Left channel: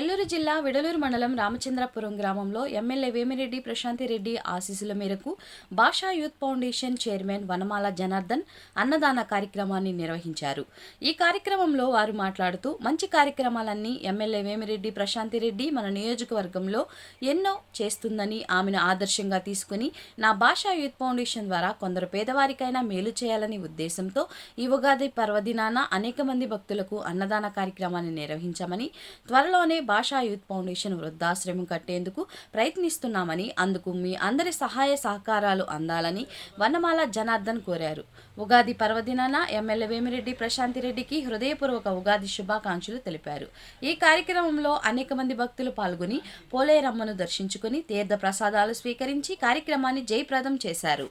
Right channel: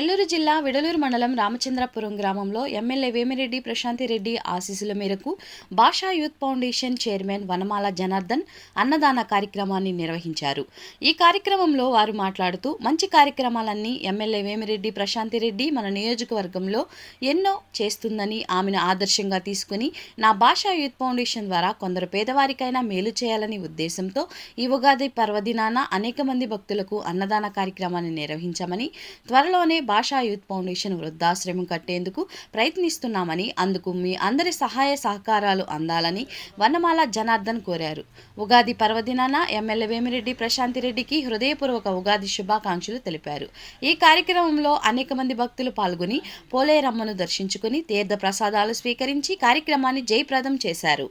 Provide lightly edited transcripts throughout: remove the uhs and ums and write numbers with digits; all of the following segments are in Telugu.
నెల్లూరు జిల్లా విడలూరు మండలం రామచంద్రపురం గ్రామంలో ఎమ్మెల్యే వేమిరెడ్డి ప్రశాంతిరెడ్డి ఆశీస్సుల మేరకు భాషా యూత్ ఫౌండేషన్ చైర్మన్ వనమాల జనార్దన్ అన్నదాన కార్యక్రమాన్ని నిర్వహించారు. ఈ కార్యక్రమంలో వారు మాట్లాడుతూ మంచి కార్యక్రమాలన్నీ ఎమ్మెల్యే వేమిరెడ్డి ప్రశాంతిరెడ్డి మన నియోజకవర్గంలో ఎన్నో చేస్తుందని ఆమెను ఆదర్శంగా తీసుకుని నా భాషా యూత్ ఫౌండేషన్ ద్వారా కొందరు పేదవారికైనా మేలు చేయాలని ఉద్దేశంతో ఈ ఉగాది పర్వదినాన అనేక మంది భక్తులకు అన్నదాన కార్యక్రమాన్ని నిర్వహించామని, త్వరలోనే భాషా యూత్ ఫౌండేషన్ వృద్ధాశ్రమం కట్టేందుకు ప్రయత్నిస్తున్నామని, అందుకు మీ అందరి సహాయ సహకారాలు అందాలని వనమాల జనార్దన్ కోరారు. ఉగాది పర్వదినాన ఎమ్మెల్యే వేమిరెడ్డి ప్రశాంతిరెడ్డికి హృదయపూర్వక ఉగాది శుభాకాంక్షలు తెలిపారు. ఈ కార్యక్రమంలో అనేక మంది భక్తులు పాల్గొని పోలేరమ్మను దర్శించుకుని తీర్థ ప్రసాదాలు స్వీకరించి కార్యక్రమాన్ని జయప్రదం చేశారు.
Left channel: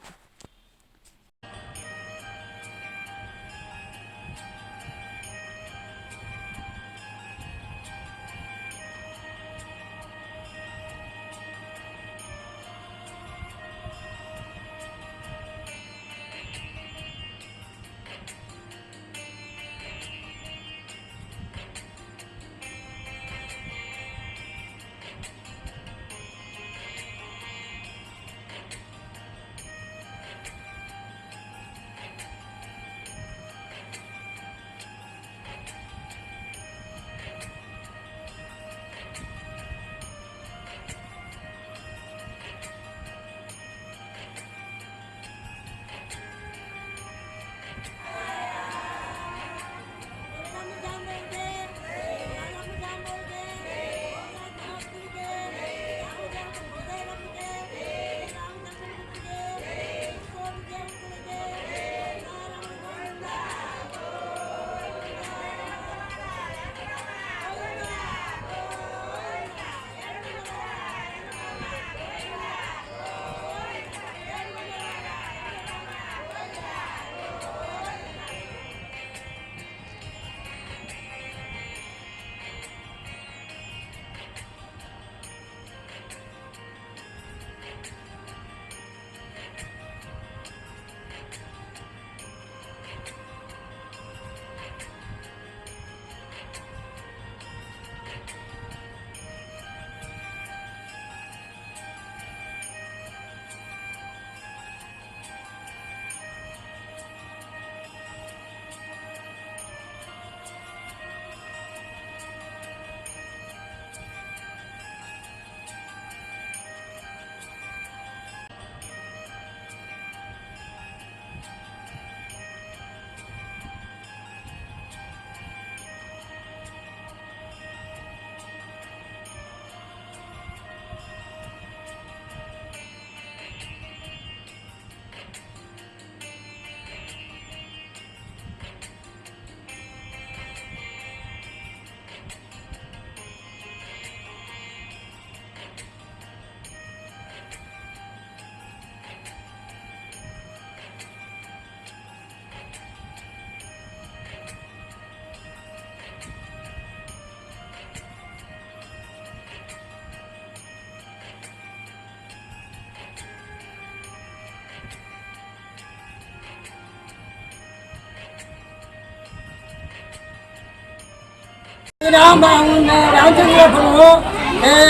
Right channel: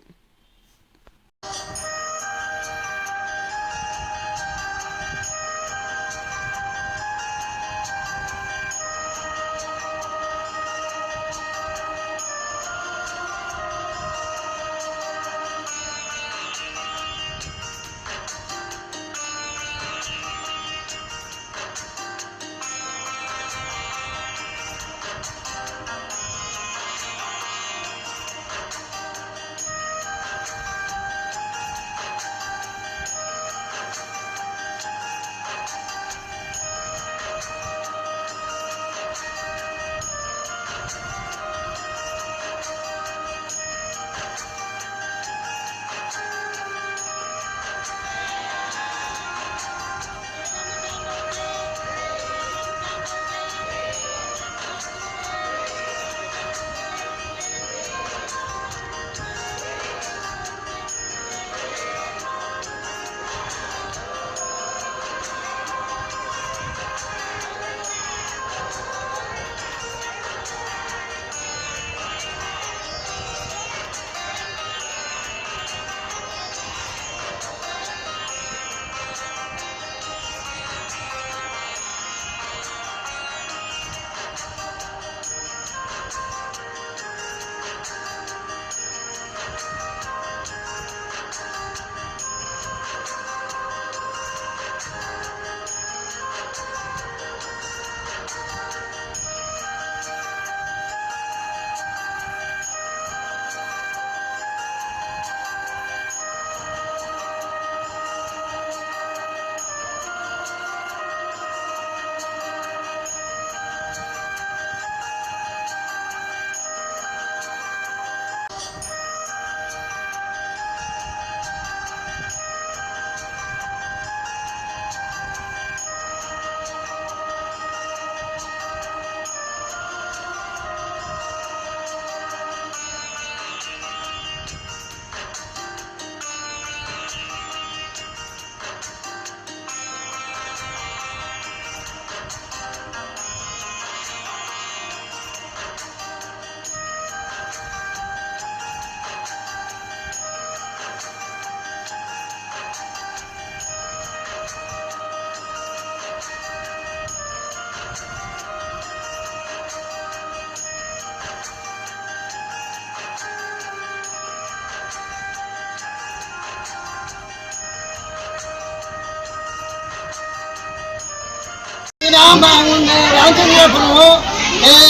రామచంద్రపురం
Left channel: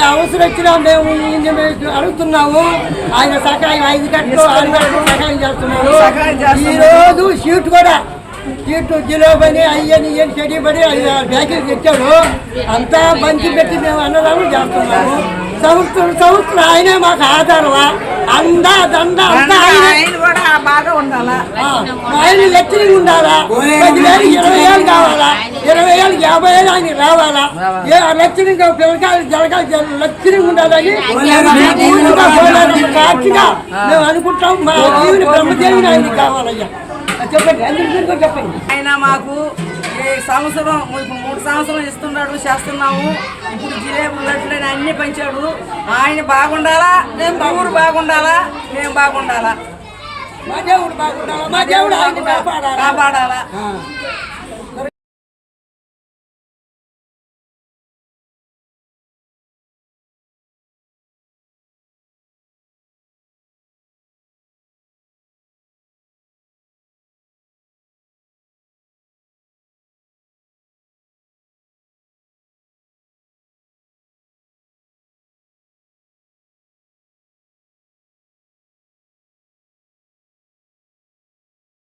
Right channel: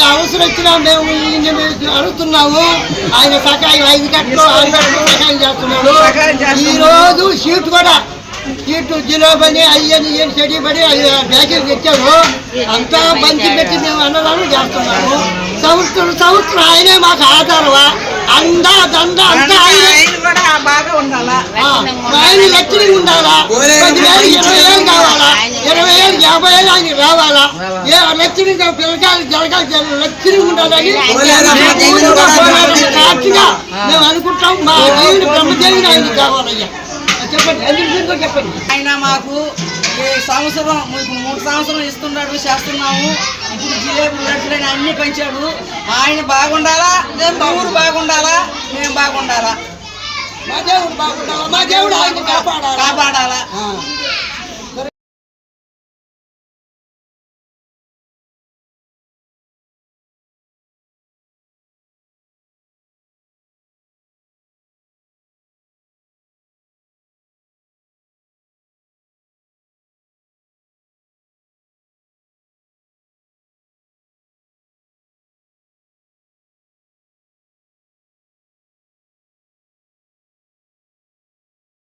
అవసరం వచ్చినా మేము అడుగుతున్నాము. ఆయన సహాయం 5 గంటలు 6 గంటలు సహాయం చేస్తున్నాడు. ఈరోజు సీటు కూడా జిలో పని అయ్యని చెడి పడి బ్యాగులు తెచ్చాడు. అంతా మంచి పెట్టి మేము అన్నదానం చేస్తున్నాము. సంవత్సరం ఆయనే మాకు ఆధారమా అందా దండ అంతా ఆయన లక్షణంగా ఉండాలా. 10,000 20,000 కావాలా, 20,000 50,000 ఆయన రావాలా. లక్షణంగా పిల్లకాయలు జరగాలి, లక్షణంగా ఉండాలని సాక్షిగా మేము అనుకుంటాం. మా దేవుని బ్రహ్మదేవిని ఆయనకి కావాలయ్యా. చెప్పండి, అందరికీ చెప్పండి. ఆయన మాకు ఈ సంవత్సరం 3 సంవత్సరం ఇస్తున్నాడు, చేస్తున్నాము. ఇప్పుడు జిలేబులు లడ్డులని అన్ని పెంచాడు. ఆయన బాగుండాలా, ఊరు బాగుండాలా, మేము బాగుండాలా, మా దేవుడు బాగుండాలా, మా దేవుడు ఆయన కాపాడాలా.